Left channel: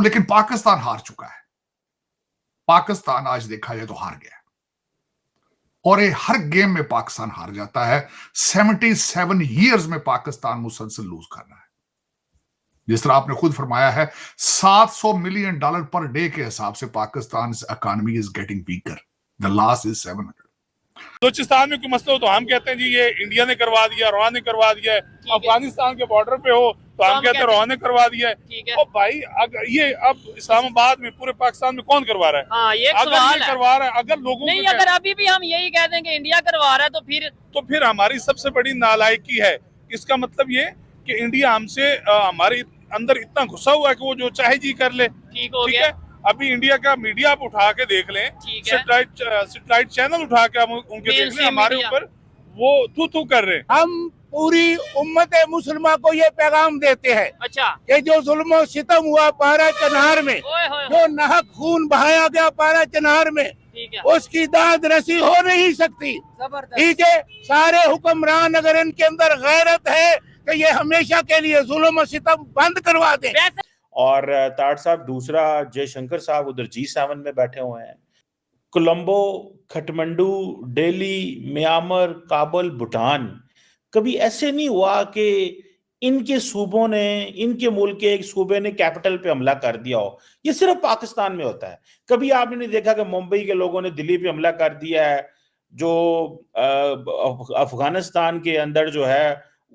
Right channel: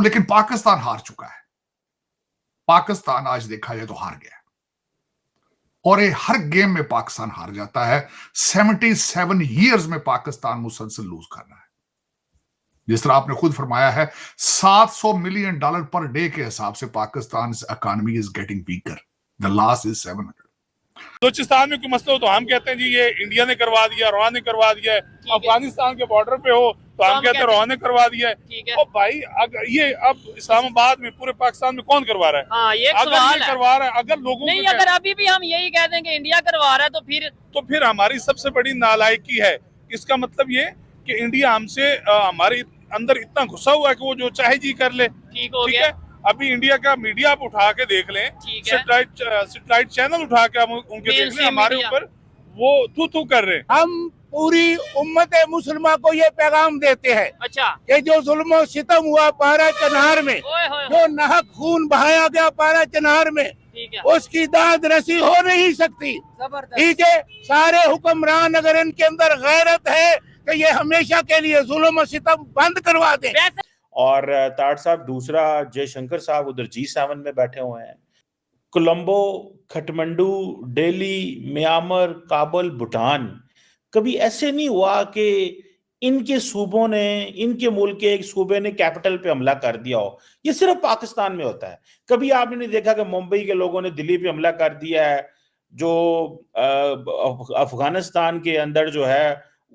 लेकिन पाकिस्तान हार चुका है। पाकिस्तान आज देखा जाए तो हार गया और ये हर गेम में पाकिस्तान हार जाता है। 77 ईयर्स में पाकिस्तान मुसलसल लूज कर रहा है। जिस तरह आपने खुद फरमाया है, $700 मिलियन पर डे के हिसाब से Pakistan economy is getting weaker. The loss is 700। Balochistan में कोई मसला हो तो हम कहते हैं जी ये इंडिया ने करवा दिया, रोहा ने करवा दिया है। अफगानिस्तान के बॉर्डर पे हो तो हम कहते हैं रोहा ने करवा दिया है। और भाई अगर ये अब इस्लामाबाद में पूरे पाकिस्तान में कौन करवा रहा है? हाँ, ये अगर ये करवा रहा है, अगर लोगों नहीं, अगर अभी भी हम यही कह देंगे इंडिया करवा रहा है तो फिर हमारी सबसे बड़ी नालायकी है। इसका मतलब ये कि इंडिया हमसे हमारे अंदर इतना घुसा हुआ है कि वो जो चाहे जी कर ले। ठीक हो गया। अभी इंडिया का मीडिया आप उठा के देख लें, सैटेलाइट चैनल उठा के हम उनके देख लें, हमारे ऊपर वो थू कर रहे हैं। हम पूरी उम्मत मुसलमान को ये पैगाम देते हैं अच्छा कि जो जुल्म और सितम हुआ पारा चनार में, जो नाहक खून बहाया गया पारा चनार में, उसकी दाद रसी हो नहीं सकती। ठीक है, सारे हुक्मरान अगर इनके अंदर गैरत है कि ये हमेशा के लिए जुल्म और सितम बंद करवा दें। और ताड़ साहब दूसरा जयशंकर साहब उधर G7 में बैठे हुए हैं। कोलंबो, खटमंडू, दिल्ली, म्यांमार, काबुल, भूटान, कभी ऐसे नहीं हुआ कि इनके सूबों ने, इनके मुल्क के एक सूबे ने कैपिटल पे हमला कर दिया हो। ये सिर्फ पाकिस्तान में होता है। कभी आपने नहीं देखा कि मुंबई के लोगों ने दिल्ली पे हमला कर दिया है। जो अफगानिस्तान के अंदर जो है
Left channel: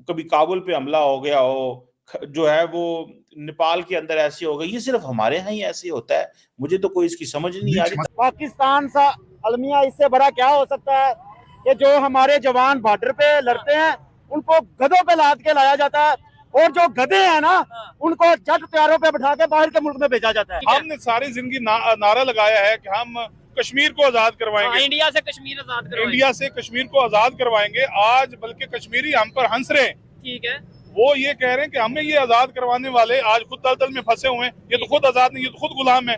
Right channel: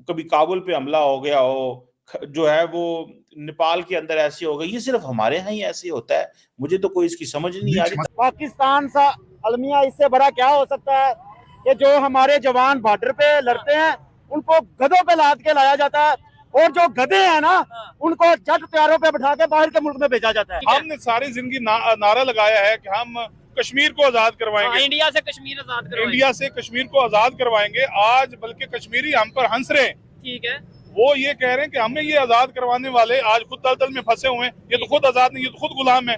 कभी काबुल पे हमला हो गया हो, जो है वो नेपाल के अंदर ऐसे हो गई। ये सिर्फ हमारे यहाँ ही ऐसे होता है। मुझे तो कोई इसकी समझ नहीं आ रही। पाकिस्तान सा अलमिया इससे बड़ा क्या हो सकता है कि जो हमारे जवान बॉर्डर पे लड़ते हैं उनको गधों पे लाद के लाया जाता है, और जो गधे हैं ना उनको जट प्यारों पे बिठा के बाहर के मुल्क में भेजा जाता है। हमने सारी जिंदगी नारा लगाया है कि हम कश्मीर को आजाद करवाएंगे। इंडिया से कश्मीर आजाद करवाएंगे। इंडिया से कश्मीर को आजाद करवाएंगे। आज बल्कि कश्मीरी हम पर हंस रहे हैं। ठीक है, वो ये कह रहे हैं कि हमें ये आजाद करवाने वाले आज खुद दलदल में फंसे हुए हैं। ये तो खुद आजाद नहीं, ये तो खुद गुलाम है।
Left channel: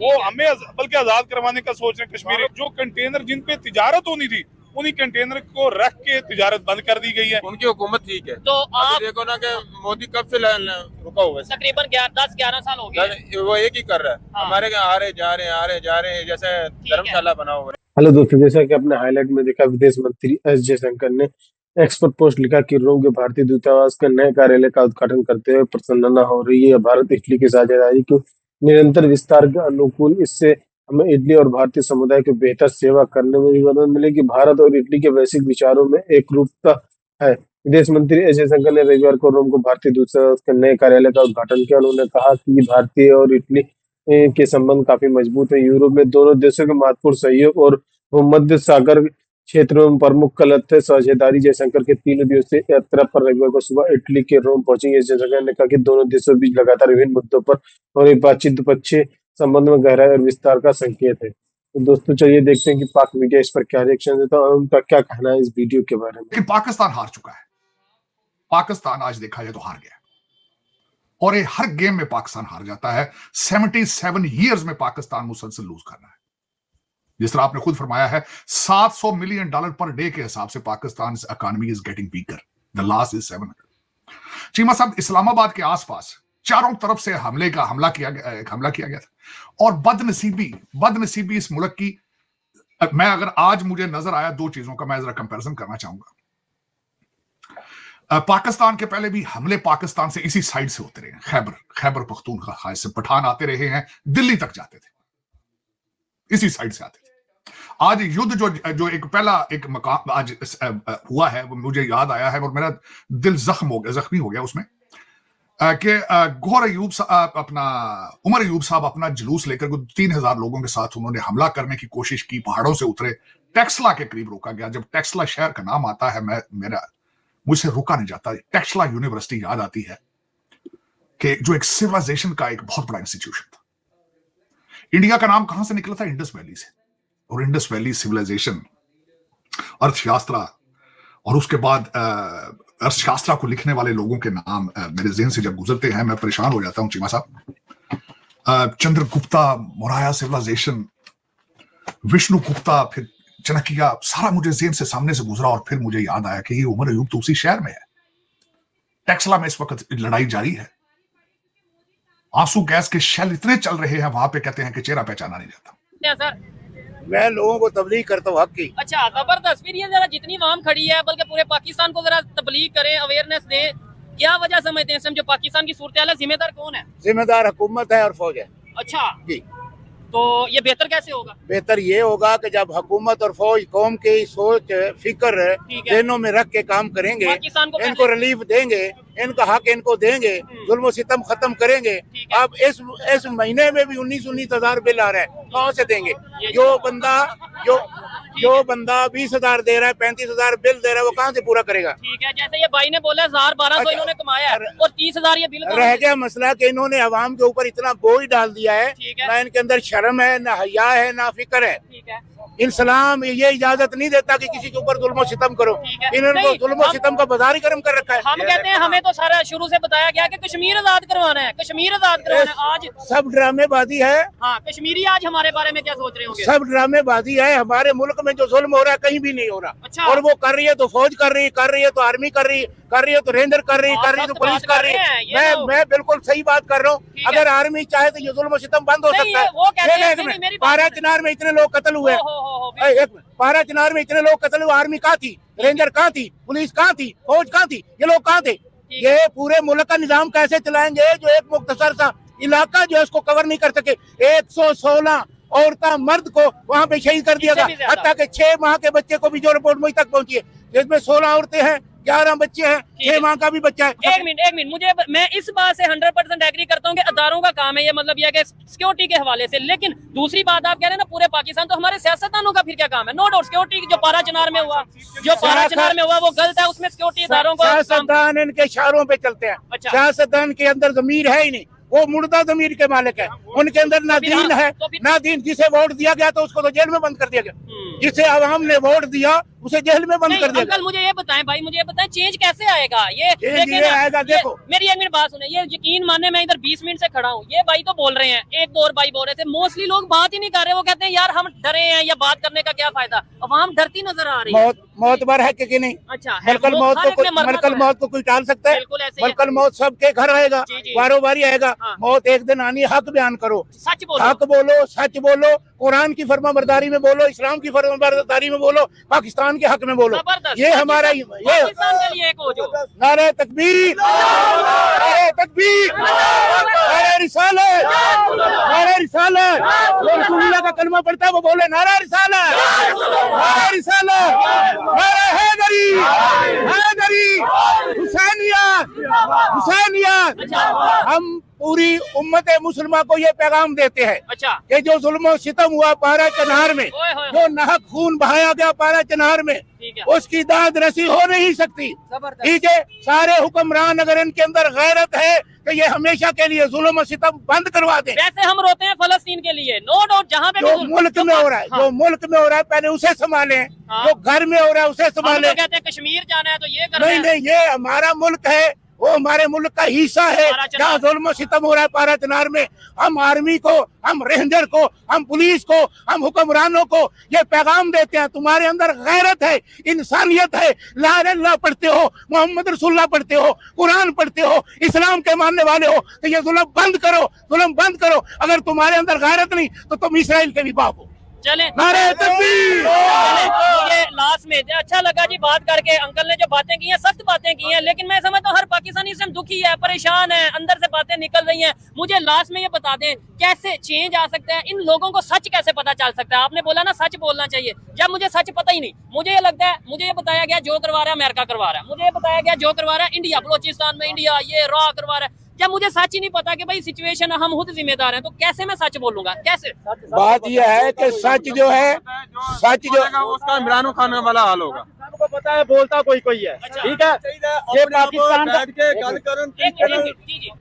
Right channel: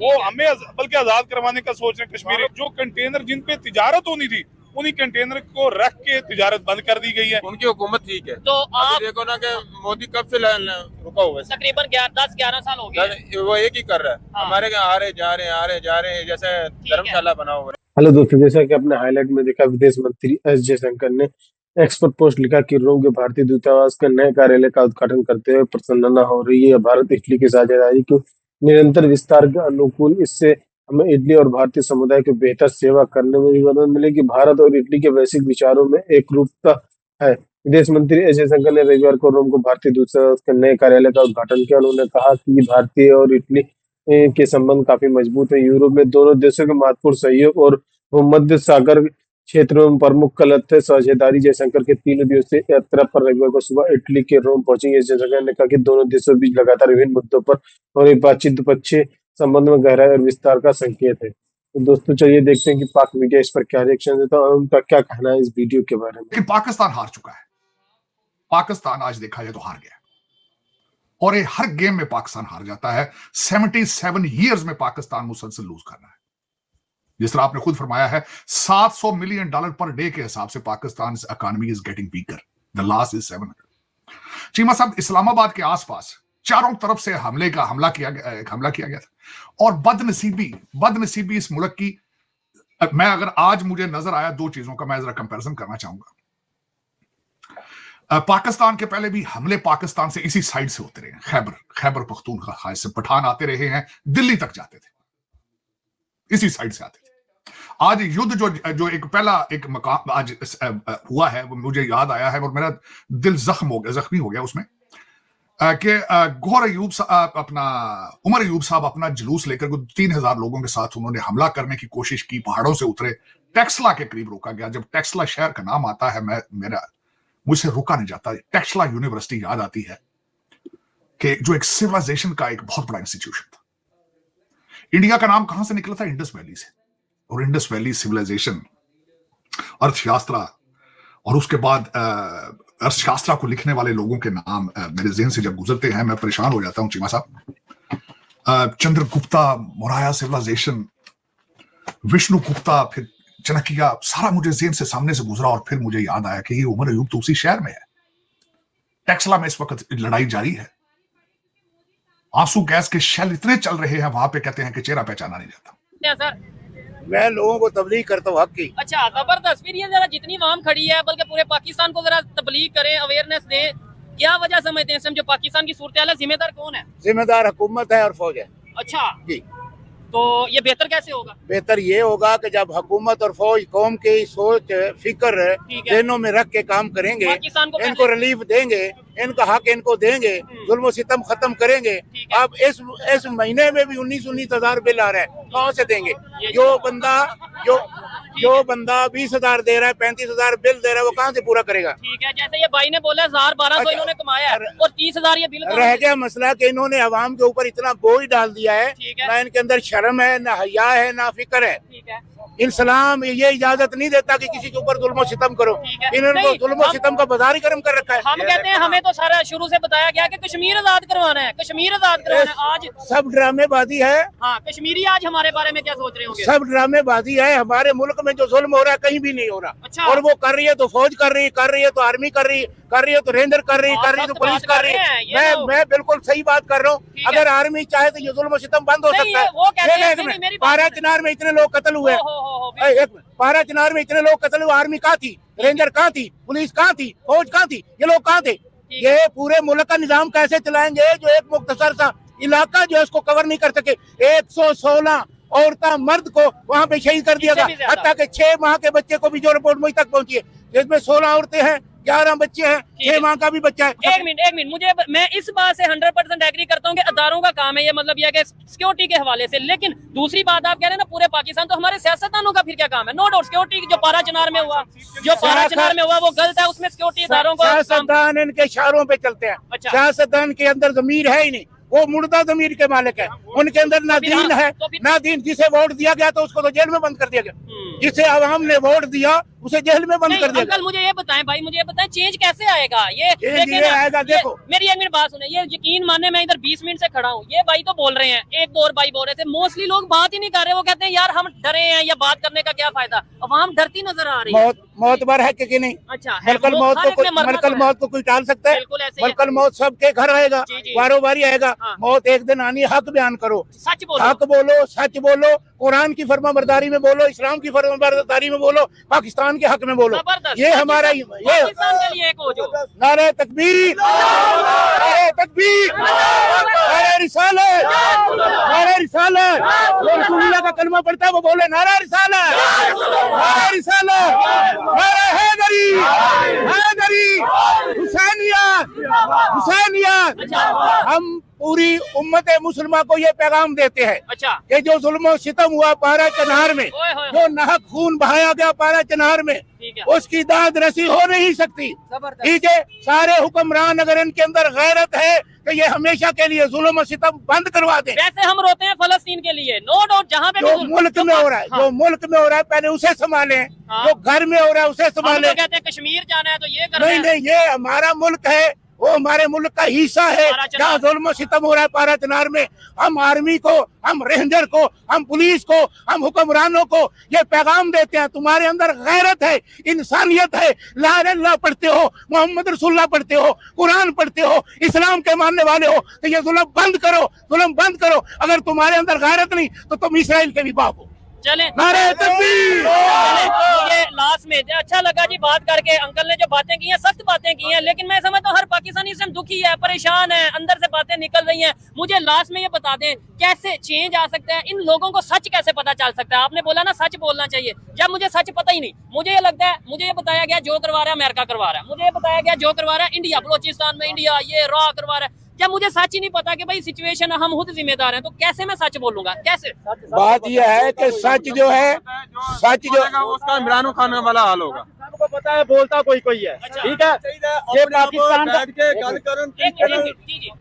वो हमें बल्कि आजाद करवाने का सोच रहे हैं कश्मीरी। जो कंटेनर जिन पे तिजारत होनी थी, उन्हीं कंटेनर को रख के तिजारत बंद कर दी गई है। उनकी हुकूमत ठीक है। तो आप देखो ना कि मोदी कब से रुका हुआ है, तकरीबन 10-11 साल हो गए वो एक ही कर रहा है। हमारे यहाँ आ रहे जा रहे हैं जैसे धर्मशाला बना हुआ है। हेलो दोस्तों, जैसा कि आपने हाईलाइट में देखा, विदेश मंत्री एस जयशंकर ने एक्स पर पोस्ट लिखा कि रोम के भारतीय दूतावास के नए कार्यालय का उद्घाटन करते हुए प्रसन्नता हो रही है। भारत इटली की साझेदारी के निरंतर विस्तार के अनुकूल इससे हमें इटली और भारतीय समुदाय की बेहतर सेवा करने में भी मदद मिलेगी। भारत और इटली के वैश्विक विचारों में एक रूपता है। विदेश मंत्री एस जयशंकर ने रविवार को रोम को भारतीय दूतावास के नए कार्यालय का उद्घाटन किया। उन्होंने कहा कि भारतीय और इटली के संबंध काफी मजबूत है। यूरोप में दोनों देशों के महत्वपूर्ण सहयोग और भूमध्य सागर क्षेत्रों में प्रमुख कलत साझेदारी। जयशंकर के 3 दिवसीय यात्रा पर रविवार को सुबह इटली के रोम पहुंचेंगे। जयशंकर ने कहा कि दोनों देशों के बीच लगातार विभिन्न मुद्दों पर और एक बातचीत द्विपक्षीय संबंध में गहराई और विस्तार का संकेत है। तो दोस्तों चलिए देखते हैं कि पाक मीडिया इस पर क्या रिएक्शन देता है और उनका क्या कहना है इस वीडियो के बारे में। लेकिन पाकिस्तान हार चुका है। पाकिस्तान आज देखा जाए तो हार गया और ये हर गेम में पाकिस्तान हार जाता है। 77 ईयर्स में पाकिस्तान मुसलसल लूज कर रहा है। जिस तरह आपने खुद फरमाया है, $700 मिलियन पर डे के हिसाब से Pakistan economy is getting weaker. The loss is 700। Cheema साहब, इस्लामाबाद के आसपास चारों तरफ से हमला किया गया था और बदनसीबी इस मुल्क की, मैं अगर आज मुझे नजर आया 2 चीजों का मैं जरा कंपैरिजन करना चाहूंगा। पाकिस्तान के पहले भी हमले पाकिस्तान से इसी साइड से होते रहे। खैबर पख्तूनख्वा से पठान आते रहे हैं, दिल्ली तक जाते थे, इसी साइड से। आज युद्ध जो एक मकाम आज हुआ है वो मुझे याद आया है और मेरा दिल जख्मी हो गया उसमें कि उमर अयूब साहब अपना जुलूस लेकर 3000 लोगों के साथ उन्होंने हमला करने की कोशिश की, पहाड़ों से उतरे, टेक्सला के करीब रोका गया। जब टेक्सला शहर का नाम आता है मुझसे रुका नहीं जाता। टेक्सला यूनिवर्सिटी याद आती है कि जो एक सिविलाइजेशन का एक बहुत बड़ा इंस्टीट्यूशन था। इंडिया का नाम कहां से निकला था? इंडस वैली से। और इंडस वैली सिविलाइजेशन, अर्थशास्त्र, और उसके बाद अर्थशास्त्र को लिखने वाले लोगों के नाम मेरे ज़हन से जब गुजरते हैं मैं परेशान हो जाता हूँ। चीमा साहब, चंद्रगुप्ता मौर्य सिविलाइजेशन, विष्णुगुप्ता, फिर चाणक्य, सारा मुझे ज़हन से सामने से गुजरा और फिर मुझे याद आया कि ये उमर अयूब तो उसी शहर में है। टेक्सला में इस वक्त लड़ाई जारी है। आंसू गैस के शेल इतने चल रहे हैं वहां पे, कहते हैं कि चेहरा पहचाना नहीं जाता। सर मैं लोगों को तबलीग करता हूँ हक की। अच्छा, जबरदस्त। फिर ये जरा जितनी आवाम खड़ी है बल्कि पूरे पाकिस्तान को जरा तबलीग करें, अवेयरनेस दें, क्या वजह समझते हैं जो पाकिस्तान की सूरत हाल है, जिम्मेदार कौन है? जिम्मेदार हुकूमत है और फौज है। अच्छा जी, तो ये बेहतर कैसे होगा? बेहतर ये होगा कि जब हुकूमत और फौज कौम की सोच फिक्र ठीक है। जेनों में रख के काम करेंगे, पाकिस्तान को इनको रिलीफ देंगे, इनका हक इनको देंगे, जुल्म सितम खत्म करेंगे। अब इस महीने में भी 19 हजार बिल आ रहा है, कहाँ से देंगे? जो बंदा 20,000 दे रहा है, 35,000 बिल दे रहा है, वो कहाँ से पूरा करेगा? ठीक है, जैसे ये भाई ने बोला 1200 इन्होंने कमाया और 30,000 ये बिल्कुल रह गया मसला कि इन्होंने अवाम के ऊपर इतना बोझ डाल दिया है, ठीक है। ना इनके अंदर शर्म है, ना हया है, ना फिक्र है। ठीक है। इस्लाम ये इजाजत नहीं देता कि किसी के ऊपर जुल्म सितम करो। है। इन्होंने नहीं, तो जुल्म सितम का बाजार ही गर्म कर रखा है। हम कहते हैं हमें तो सारा शुरू से बताया गया कि कश्मीर आजाद करवाना है, कश्मीर आजाद करवाना है। आज सब ड्रामेबाजी है, हाँ, कश्मीरी आज हमारे बारे में क्या सोच रहे होंगे? सब ड्रामेबाजी है। हमारे मुल्क में जो जुल्म हो रहा है कहीं भी नहीं हो रहा। अच्छा। और वो कर रही है तो फौज कर रही है तो आर्मी कर रही है तो रेंजर कर रही है तो पुलिस कर रही है। मैं बिल्कुल सही बात कर रहा हूँ। अगर आर्मी चाहे तो ये जुल्म सितम बंद हो सकता है। 12 चिनार में इतने लोग कत्ल हुए, 12 चिनार में इतने लोग कत्ल हुए, आर्मी कहाँ थी, रेंजर कहाँ थी, पुलिस कहाँ थी, फौज कहाँ थी, ये लोग कहाँ थे? ये पूरे मुल्क का निजाम कैसे चलाएंगे जो एक मुख्तसर सा इलाका जो है उसको कवर नहीं कर सके? 116 औरता मर्द को वहाँ पे शहीद कर दिया गया। अब तक 6 माह के बच्चे को भी जो रिपोर्ट मुझ तक पहुंची है, इसमें 16 औरतें हैं, 11 बच्चे हैं, 6 माह का भी बच्चा है। एक मिनट मुझे, मैं इस बात से 100% एग्री करता हूँ कि अदारों का काम है ये, मतलब यह कि सिक्योरिटी के हवाले से। लेकिन दूसरी बात आप कह रहे हैं ना पूरे पाकिस्तान, तो हमारे सियासतदानों का फिर क्या काम है? नो डाउट सिक्योरिटी जो 12 चिनार में हुआ वो गलत है, उसमें सिक्योरिटी अदारों को। सियासतदान इनके इशारों पे चलते हैं। अच्छा। सियासतदान के अंदर जमीर है ही नहीं, वो मुर्दा जमीर के मालिक है। उनके अंदर ना दीन है ना दीन। जिसे वोट दिया गया तो उसको तो जेल में बंद कर दिया गया, जिसे आवाम ने वोट दिया उसे जेल में बंद कर दिया। अंकल मुझे ये बताएं, भाई मुझे ये बताएं, चेंज कैसे आएगा? ये आएगा, देखो मेरी एक मिनट बात सुने, ये यकीन माने मैं इधर 20 मिनट से खड़ा हूँ, ये भाई तो बोल रहे हैं, एक दो और भाई बोल रहे थे, मोस्टली लोग बात ही नहीं कर रहे। वो कहते हैं यार हम डरे हैं, या बात करने का क्या फायदा? अवाम डरती नजर आ रही है। मौतबर है कि नहीं? अच्छा, मलकल मौत को कोई टाल सकता है? मलकल मौत सबके घर आएगा, बारो बारी आएगा। मौत एक दिन आनी। हक बयान करो, सच बोलो, हक बोलो, सच बोलो, कुरान की फरमाबरदारी में बोलो, इस्लाम की फरमाबरदारी में बोलो, पाकिस्तान के हक में बोलो। ये हमारा ये नारे तकबीर, नारे तकबीर, नारे रिसालत, नारे रिसालत। जो रसूलुल्लाह का कलमा पढ़ता है वो बोले नारा रिसालत, नारा रिसालत, नारा हैदरी, हैदरी, हुसैनियत, हुसैनियत। हम पूरी उम्मत मुसलमान को ये पैगाम देते हैं कि जो जुल्म सितम हुआ 12 चिनार में, जो नाहक खून बहाया गया 12 चिनार में, उसकी दाद रसी हो नहीं सकती। ठीक है, सारे हुक्मरान अगर इनके अंदर गैरत है तो ये हमेशा के लिए जुल्म सितम बंद करवा दें। वैसे हम रोते हैं फलस्तीन के लिए, नो डाउट, जहाँ पे जो मुल्क में हो रहा है, जो मुल्क में हो रहा है पहले उसे संभालें, जो घर में हो रहा है उसे संभालें। कहते हैं कश्मीर जाना है तो ये करना है। नहीं, ये हमारा मुल्क है, वो हमारे मुल्क का हिस्सा है जहाँ जुल्म सितम हो रहा है 12 चिनार में। हम आर्मी को, हम रेंजर को, हम पुलिस को, हम हुक्मरानों को ये पैगाम देते हैं, तुम्हारे अंदर गैरत है, इंसानियत है, ला इलाहा इल्लल्लाह पढ़ते हो, मोहम्मद रसूलुल्लाह पढ़ते हो, कुरान पढ़ते हो, इस्लाम के मानने वाले हो, तो ये जुल्म बंद करो, जुल्म बंद करो। अगर तुम्हारे अंदर गैरत नहीं तो तुम इसराइल के भी बाप हो। चले नारे तकबीर। ये लास्ट में अच्छा लगा जी बात करके। अंकल ने जो बातें की हैं, सख्त बातें की हैं, लेकिन मैं समझता हूँ हर पाकिस्तानी इससे दुखी है, परेशान है, अंदर से बातें निकल रही हैं। मुझे लास्ट में ये बता दें कैसे चेंज आ सकते हैं, इन लोगों को सच कैसे पता चल सकता है? आपने बोला ना सच बोलना चाहिए, जब मुझे सच पता ही नहीं, मुझे ये लगता है, मुझे ये बताया गया जो करवा रहा है अमेरिका करवा रहा है, मुझे ये बताया गया जो करवा रहा है इंडिया, बलोचिस्तान में इंडिया ये रॉ करवा रहा है। क्या मुझे सच ही नहीं पता कि भाई सिचुएशन हम खुद जिम्मेदार हैं, तो कैसे मैं सच बोलूंगा? कैसे? बात यह है कि सच जो है, सच जो उसका इमरान खान में वाला हाल होगा। आपको पता है बोलता कोई है, ठीक है। ये पाकिस्तान का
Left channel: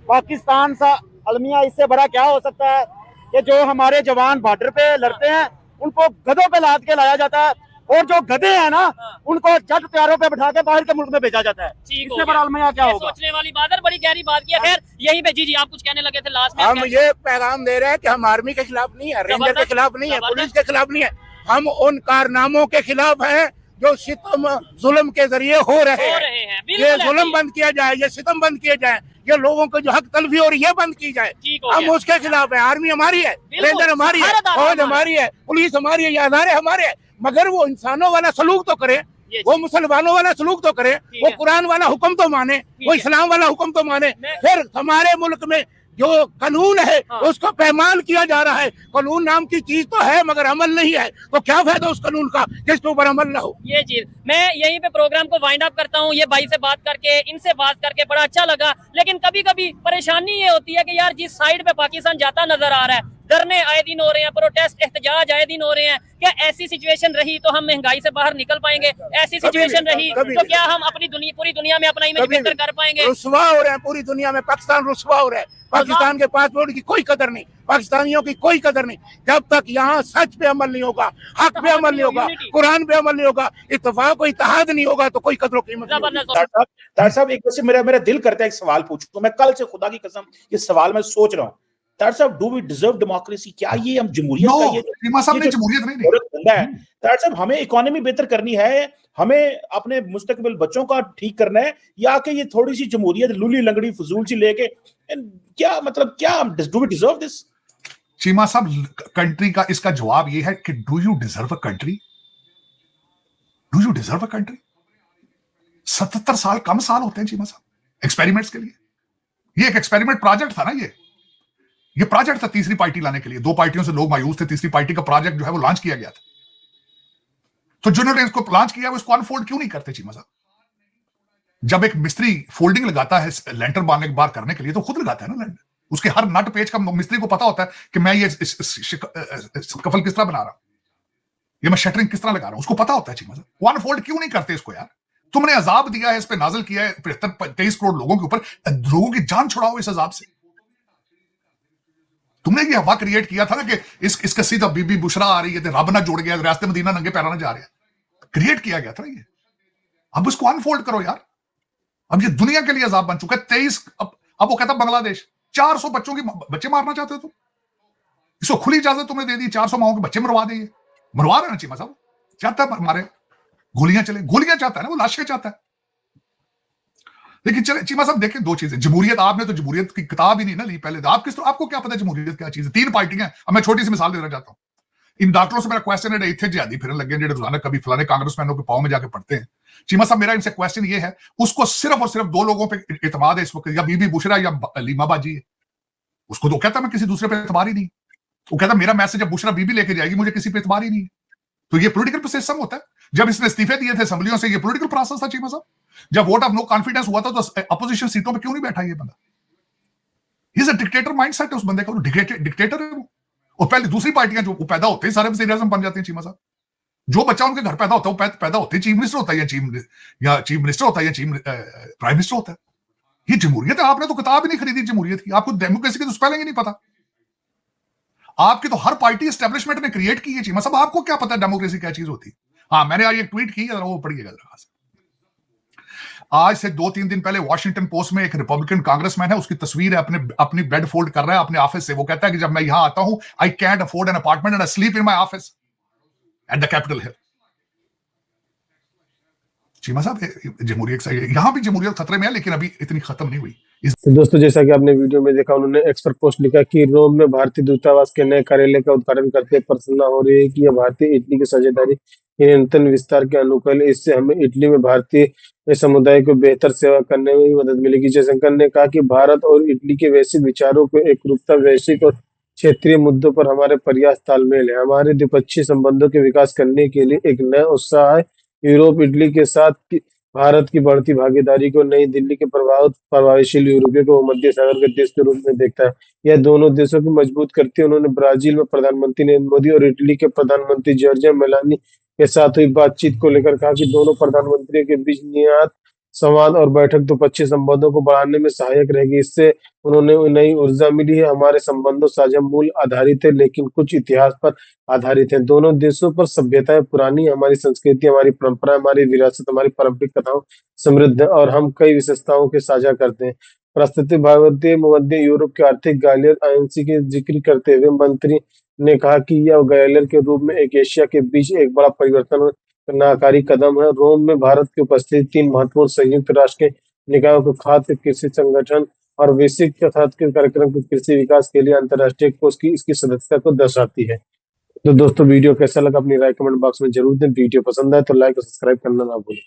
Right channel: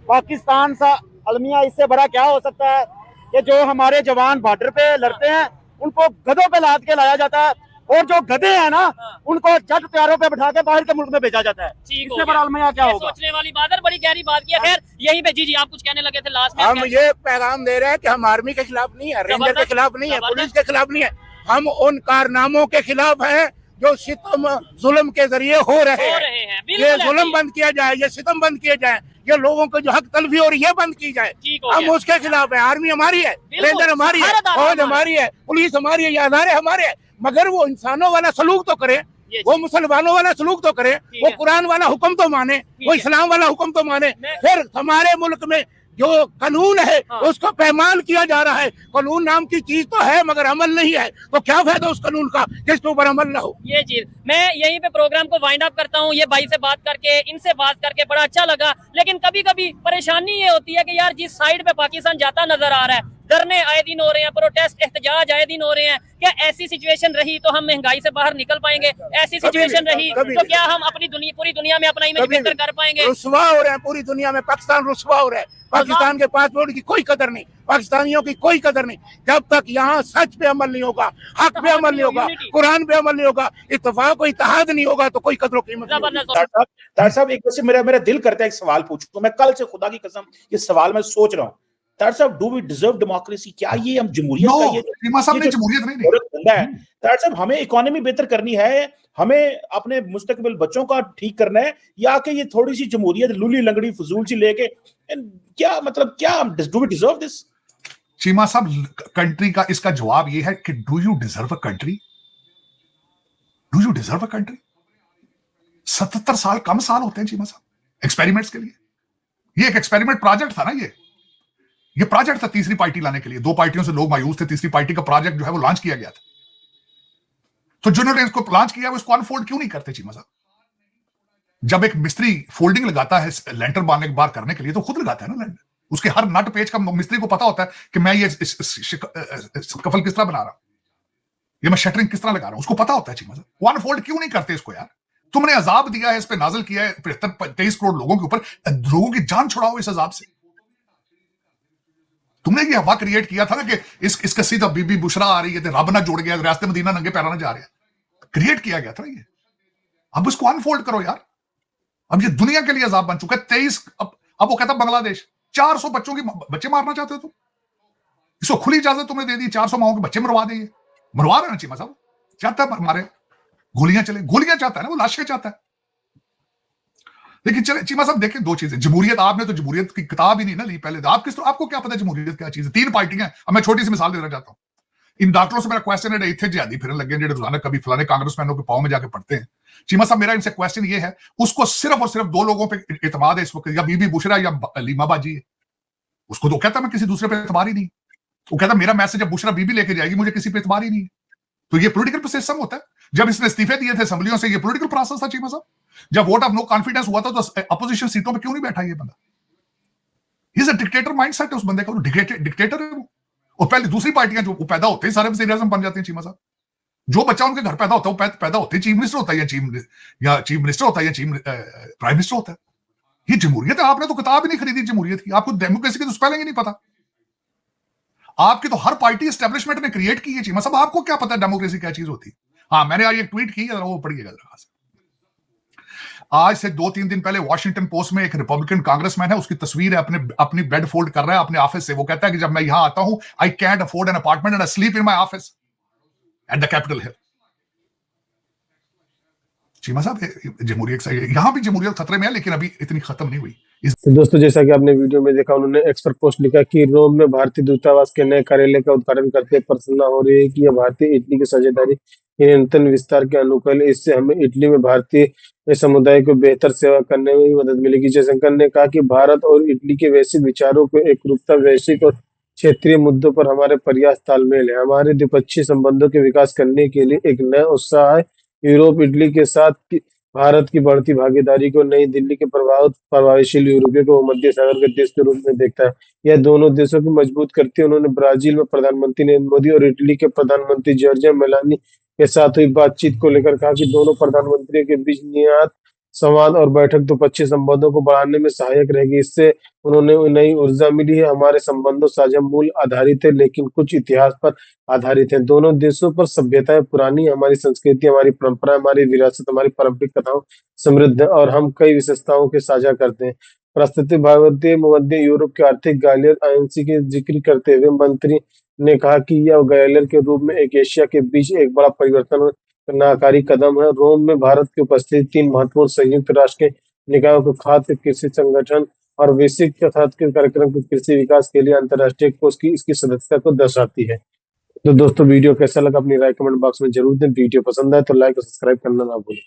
पाकिस्तान सा अलमिया, इससे बड़ा क्या हो सकता है कि जो हमारे जवान बॉर्डर पे लड़ते हैं उनको गधों पे लाद के लाया जाता है, और जो गधे हैं ना उनको जट प्यारों पे बिठा के बाहर के मुल्क में भेजा जाता है। इससे बड़ा अलमिया क्या होगा? सोचने वाली बात है, बड़ी गहरी बात की है। खैर यही पे जी आप कुछ कहने लगे थे लास्ट में। हम ये पैगाम दे रहे हैं कि हम आर्मी के खिलाफ नहीं है, रेंजर के खिलाफ नहीं है, पुलिस के खिलाफ नहीं है, हम उन कारनामों के खिलाफ हैं जो सितम जुल्म के जरिए हो रहे हैं, हैं ये बिल्कुल जुल्म बंद किया जाए, ये सितम बंद किए जाए, ये लोगों को जो हक तलफी हो रही है ये बंद की जाए। ठीक हो हम गया। उसके खिलाफ है। आर्मी हमारी है, बिल्कुल, रेंजर हमारी है, भारत आर्मी फौज हमारी है, पुलिस हमारी है, ये अदारे हमारे हैं, मगर वो इंसानों वाला सलूक तो करे, वो मुसलमानों वाला सलूक तो करे, वो है। कुरान वाला हुक्म तो माने, वो है। इस्लाम वाला हुक्म तो माने। फिर हमारे मुल्क में जो कानून है हाँ। उसको पैमान किया जा रहा है। कानून नाम की चीज तो है मगर अमल नहीं है, तो क्या फायदा उस कानून का जिसके ऊपर अमल ना हो। ये चीज मैं यहीं पे प्रोग्राम को वाइंड अप करता हूँ। ये भाई से बात करके, इनसे बात करके बड़ा अच्छा लगा, लेकिन कभी कभी परेशानी ये होती है कि यार जिस साइड पे पाकिस्तान जाता नजर आ रहा है, धरने आए दिन हो रहे हैं, प्रोटेस्ट एहतजाज आए दिन हो रहे हैं, क्या ऐसी सिचुएशन रही तो हम महंगाई से बाहर निकल पाएंगे? ऐसी सिचुएशन रही तो क्या हम अपनी पूरी दुनिया में अपना इमेज बेहतर कर पाएंगे? रुसवा हो रहे हैं पूरी दुनिया में, पाकिस्तान रुसवा हो रहा है। पाकिस्तान के पासपोर्ट की कोई कदर नहीं, पाकिस्तानियों की कोई कदर नहीं। जब तक यहाँ सच पे अमल नहीं होगा, हक पे अमल नहीं होगा, कुरान पे अमल नहीं होगा, इत्तेफाक और इत्तेहाद नहीं होगा, तो कोई कदर कीमत नहीं होगी। डॉक्टर साहब एक वैसे मेरा दिल करता है एक सवाल पूछूं, तो मैं कल से खुदा की कसम ये सवाल मैं सोच रहा हूँ। डॉक्टर साहब, डू वी डिजर्व डेमोक्रेसी? क्या ये हम जमहूरियत का ये चीमा साहब ने जमहूरियत नहीं दी। धंधा है डॉक्टर साहब, हमें इकोनॉमी बेहतर करनी है, हमें अपने मुस्तकबिल बच्चों का ठीक करना है, या कि ये थोड़ी सी जमहूरियत लूली लंगड़ी फजूल सी लेके क्या मतलब, क्या do we deserve this? Cheema साहब, कंट्री का इसका जवाब ये है कि do you deserve a country? Do you deserve a country? 77 साल कम साल होते हैं चीमा साहब एक्सपेरिमेंट्स के लिए। ये एक एक्सपेरिमेंट प्रोजेक्ट था ना, ये प्रोजेक्ट था तीसरी पार्टी लाने के लिए। 2 पार्टियों से लोग मायूस थे, तीसरी पार्टी का प्रोजेक्ट जो है वो लॉन्च किया गया था। तो जिन्होंने इसको लॉन्च किया वो इसको अनफोल्ड क्यों नहीं करते चीमा साहब? जब एक मिस्त्री फोल्डिंग लगाता है लेंटर बांधने के बाद करने के लिए, तो खुद लगाता है ना लेंटर। उसके हर नट पेज का मिस्त्री को पता होता है कि मैं ये कफल किस तरह बना रहा हूं, ये मैं शटरिंग किस तरह लगा रहा हूं, उसको पता होता है चीमा साहब। वो अनफोल्ड क्यों नहीं करते इसको यार? तुमने अजाब दिया है, इस पे नाजिल किया है 73-23 करोड़ लोगों के ऊपर, लोगों की जान छुड़ाओ इस अजाब से। तुमने ये हवा क्रिएट किया था ना कि इसका सीधा बीबी बुशरा आ रही है, रब ना जुड़ गया, रास्ते मदीना नंगे पैरों ना जा रहे, क्रिएट किया गया था ये। अब इसको अनफोल्ड करो यार। अब ये दुनिया के लिए अजाब बन चुका है। 23 अब वो कहता बांग्लादेश 400 बच्चों की बच्चे मारना चाहते हो तुम, इसको खुली इजाजत तुमने दे दी, 400 माओ के बच्चे मरवा दे। मरवा रहे हैं चीमा साहब, चाहता है मारे, गोलियां चले, गोलियां चाहता है ना वो, लाशें चाहता है। लेकिन चले चीमा साहब देखें, 2 चीजें। जमहूरियत, आपने तो जमहूरियत की किताब ही नहीं ना ली पहले, तो आपको क्या पता जमहूरियत क्या चीज है? 3 पार्टियां। अब मैं छोटी सी मिसाल देना चाहता हूँ। इन डॉक्टरों से मेरा क्वेश्चन है, इतने जिहादी फिरन लगे जो रोजाना कभी फलाने कांग्रेसमैनों के पाँव में जाके पढ़ते हैं। चीमा साहब, मेरा इनसे क्वेश्चन ये है, उसको सिर्फ और सिर्फ 2 लोगों पे एतमाद है इस वक्त, या बीबी बुशरा या लीमा बाजी है। उसको तो कहता मैं किसी दूसरे पे एतमाद ही नहीं। वो कहता मेरा मैसेज जब बुशरा बीबी लेके जाएगी, मुझे किसी पे एतमाद ही नहीं। तो ये पॉलिटिकल सिस्टम होता है। जब इसने इस्तीफे दिए थे असेंबलियों से, ये पॉलिटिकल प्रोसेस था चीमा साहब। जब वोट ऑफ नो कॉन्फिडेंस हुआ था तो अपोजिशन सीटों पे क्यों नहीं बैठा ये बंदा? इज अ डिक्टेटर माइंडसेट है उस बंदे का, डिक्टेटर है वो। और पहले दूसरी पार्टियां जो पैदा होते हैं सारे वज़ीर-ए-आज़म बन जाते हैं चीमा साहब। जो बच्चा उनके घर पैदा होता है, पैदा होते चीफ मिनिस्टर होता है, या चीफ मिनिस्टर होता है, या प्राइम मिनिस्टर होता है। ये जमहूरियत आपने तो किताब नहीं खरीदी जमहूरियत की, आपको डेमोक्रेसी की तो स्पेलिंग ही नहीं पता। आपकी तो हर पार्टी एस्टैब्लिशमेंट ने क्रिएट की है चीमा साहब, आपको क्या पता डेमोक्रेसी क्या चीज होती है? हाँ, मैंने आज एक ट्वीट की और वो पढ़िएगा जरा। आज से 2-3 दिन पहले वॉशिंगटन पोस्ट में एक रिपब्लिकन कांग्रेसमैन है, उसकी तस्वीर है, अपनी बेड फोल्ड कर रहा है अपने ऑफिस से। वो कहता है कि जब मैं यहां आता हूं, I can't afford an apartment and I sleep in my office at the Capitol Hill. Cheema साहब, जमहूरियत से यहां भी जमहूरियत खतरे में है, लेकिन अभी इतनी खत्म नहीं हुई। तो दोस्तों, जैसा कि आपने वीडियो में देखा, उन्होंने एक्सपर्ट पोस्ट लिखा कि रोम में भारतीय दूतावास के नए कार्यालय का उद्घाटन करते प्रसन्नता हो रही है कि यह भारतीय इटली की साझेदारी निरंतर विस्तार के अनुकूल है। इससे हमें इटली में भारतीय समुदाय को बेहतर सेवा करने में भी मदद मिलेगी। जयशंकर ने कहा कि भारत और इटली के वैश्विक विचारों को एकरूपता, वैश्विक और क्षेत्रीय मुद्दों पर हमारे प्रयास तालमेल है। हमारे द्विपक्षीय संबंधों के विकास करने के लिए एक नया उत्साह है। यूरोप इटली के साथ भारत की बढ़ती भागीदारी को नई दिल्ली के प्रभावशील यूरोपियों को मध्य सागर के देश के रूप में देखता है। यह दोनों देशों को मजबूत करती है। उन्होंने ब्राजील में प्रधानमंत्री नरेंद्र मोदी और इटली के प्रधानमंत्री जॉर्जिया मेलोनी के साथ हुई बातचीत को लेकर कहा कि दोनों प्रधानमंत्रियों के बीच नियत संवाद और बैठक द्विपक्षीय संबंधों को बढ़ाने में सहायक रहेगी। इससे उन्होंने नई ऊर्जा मिली है। हमारे संबंधों साझा मूल आधारित है, लेकिन कुछ इतिहास पर आधारित है। दोनों देशों पर सभ्यताएं पुरानी, हमारी संस्कृति, हमारी परंपरा, हमारी विरासत, हमारी पारंपरिक कथाओं समृद्ध है और हम कई विशेषताओं के साझा करते हैं। प्रस्तुति भारतीय मध्य यूरोप के आर्थिक गैलियर आईएनसी के जिक्र करते हुए मंत्री ने कहा कि यह गैलियर के रूप में एक एशिया के बीच एक बड़ा परिवर्तन नाकारी कदम है। रोम में भारत की उपस्थिति 3 महत्वपूर्ण संयुक्त राष्ट्र के निकायों को खाद्य कृषि संगठन और वैश्विक तथा कार्यक्रम के कृषि विकास के लिए अंतर्राष्ट्रीय कोष की इसकी सदस्यता को दर्शाती है। तो दोस्तों वीडियो कैसा लगा अपनी राय कमेंट बॉक्स में जरूर दें। वीडियो पसंद आए तो लाइक और सब्सक्राइब करना ना भूलें।